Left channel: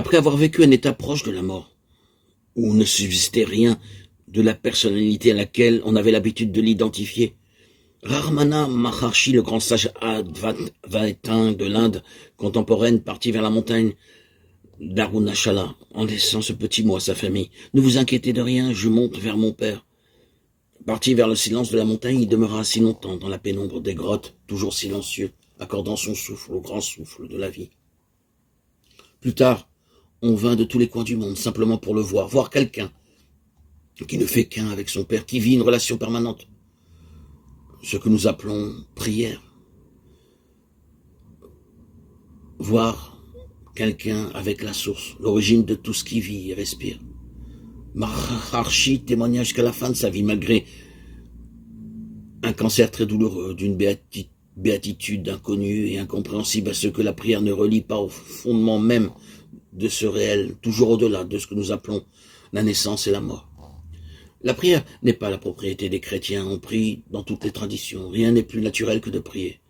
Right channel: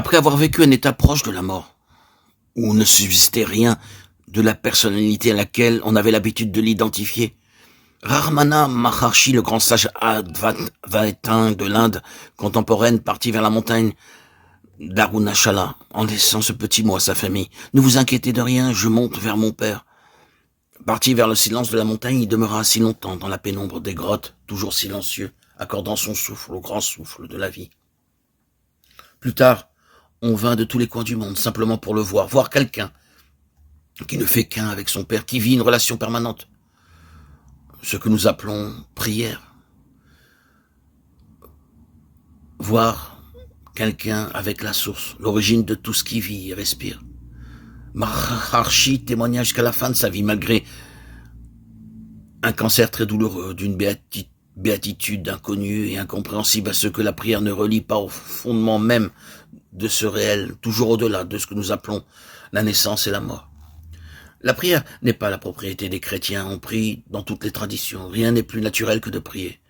Après avoir vécu un état proche de la mort, où ne subsistait rien de la personnalité à laquelle on avait l'habitude de l'identifier, Ramana Maharshi, le grand sage Advaita de l'Inde contemporaine, partit vers la montagne d'Arunachala, en laissant ce petit mot à sa famille. « Ne vous inquiétez de rien, je monte vers mon père. » Parti vers le silence de la montagne, il demeura si longtemps dans la pénombre des grottes, toujours silencieux, accordant son souffle au grand souffle de la vie. Plus tard, on vint de tous les coins du monde, simplement pour le voir quelqu'un qui ne fait qu'un avec son père, qui vit une relation permanente. Ce que nous appelons prière. Voir quelqu'un avec la source, l'origine de tout ce qui vit et respire. Maharshi témoigna jusqu'à la fin de sa vie, malgré un cancer très douloureux, d'une béatitude inconnue et incompréhensible à ce que la prière ne relie pas au fondement même de ce réel, toujours au-delà de ce que nous appelons la naissance et la mort. La prière n'est pas la propriété des chrétiens, on prie dans toutes les traditions, rien n'est plus naturel que de prier.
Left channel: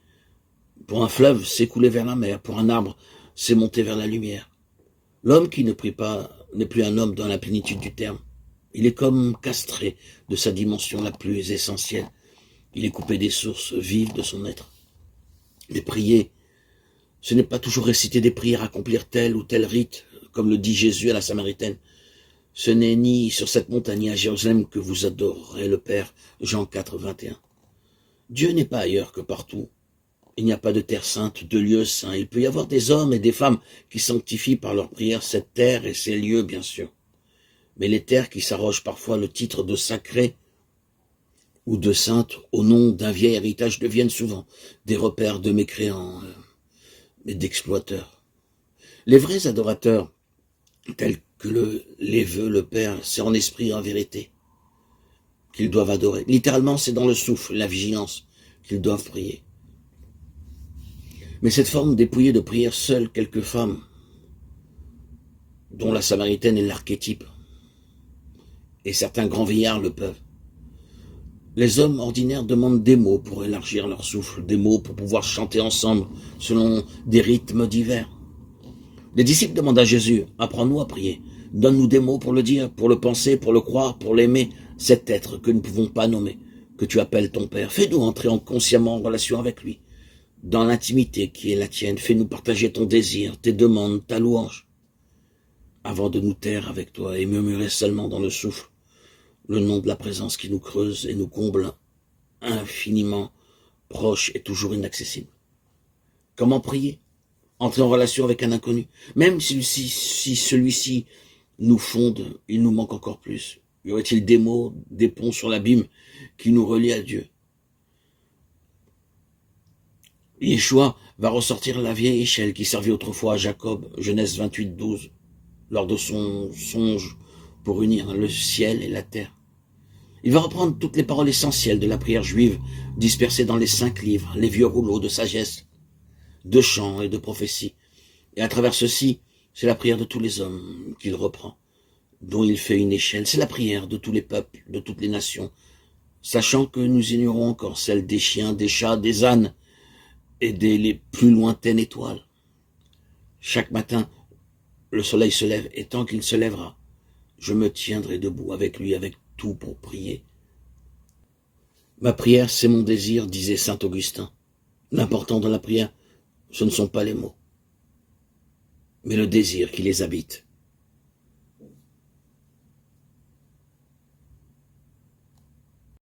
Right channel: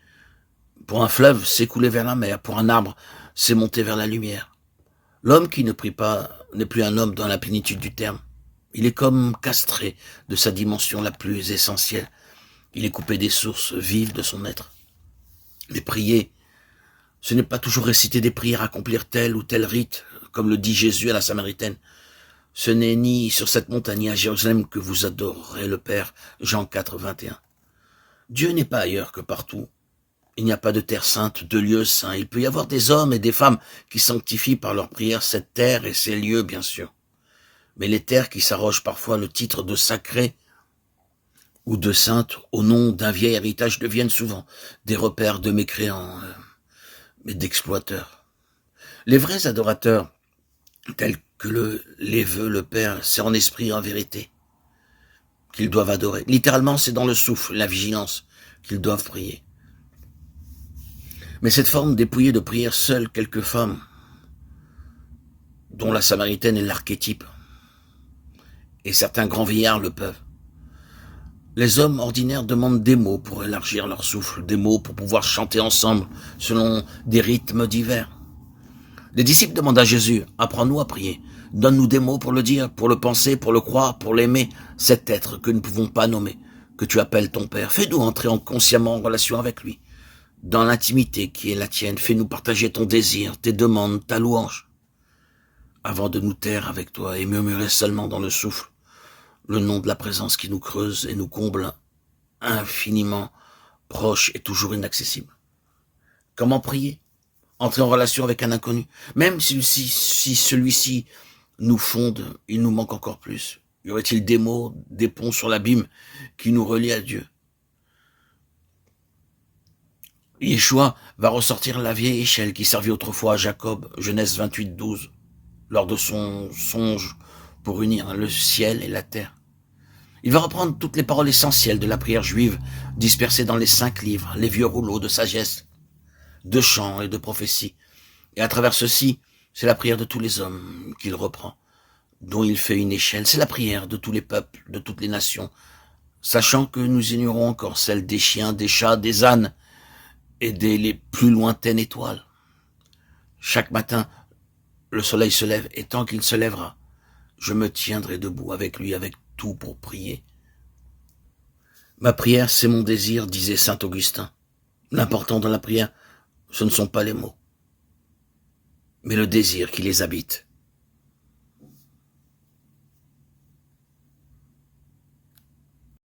Pour un fleuve, c'est couler vers la mer, pour un arbre, c'est monter vers la lumière. L'homme qui ne prie pas n'est plus un homme dans la plénitude du terme. Il est comme castré de sa dimension la plus essentielle. Il est coupé des sources vives de son être. Mais prier, ce n'est pas toujours réciter des prières, accomplir tel ou tel rite, comme le dit Jésus à la Samaritaine. Ce n'est ni sur cette montagne ni à Jérusalem que vous adorerez le Père, Jean 4, 21. Dieu n'est pas ailleurs que partout. Il n'y a pas de terre sainte, de lieu saint. Il peut y avoir des hommes et des femmes qui sanctifient par leur prière cette terre et ces lieux, bien sûr. Mais les terres qui s'arrogent parfois le titre de sacré ou de sainte au nom d'un vieil héritage deviennent souvent des repères de mécréants, mais d'exploiteurs. Les vrais adorateurs, tels que les veut le Père, c'est en esprit et en vérité qu'ils doivent adorer. Littéralement, c'est dans le souffle, la vigilance, qu'ils doivent prier. Mais cette forme dépouillée de prière, seules quelques femmes, dont la Samaritaine est l'archétype, et certains grands vieillards le peuvent. Les hommes ordinaires demandent des mots pour élargir leur souffle, des mots pour pouvoir chanter ensemble selon des rythmes divers. Les disciples demandent à Jésus, apprends-nous à prier, donne-nous des mots pour le dire, pour le penser, pour le croire, pour l'aimer, cet être que nous ne pouvons pas nommer, que tu appelles ton Père. Fais-nous entrer consciemment en relation avec lui, dans l'intimité qui est la tienne. Fais-nous partager ton désir, tes demandes, ta louange, avant de nous taire avec toi et murmurer seulement dans le souffle le nom de la présence qui nous creuse et nous comble, infiniment proche et toujours inaccessible. Comment prier ? Entrer en relation avec un inconnu. Même si celui-ci nous fonde, il nous manque encore plus. Y aurait-il des mots, des ponts sur l'abîme qui nous relient à Dieu ? Yeshua va ressortir la vieille échelle qui servait autrefois à Jacob, Genèse 28, 12, lors de son songe pour unir le ciel et la terre. Il va reprendre toutes les paroles essentielles de la prière juive dispersées dans les 5 livres, les vieux rouleaux de sagesse, de chants et de prophéties. Et à travers ceci, c'est la prière de tous les hommes qu'il reprend, dont il fait une échelle. C'est la prière de tous les peuples, de toutes les nations, sachant que nous ignorons encore celle des chiens, des chats, des ânes et des les plus lointaines étoiles. Chaque matin, le soleil se lève, et tant qu'il se lèvera, je me tiendrai debout avec lui, avec tout pour prier. Ma prière, c'est mon désir, disait saint Augustin. L'important dans la prière, ce ne sont pas les mots, mais le désir qui les habite.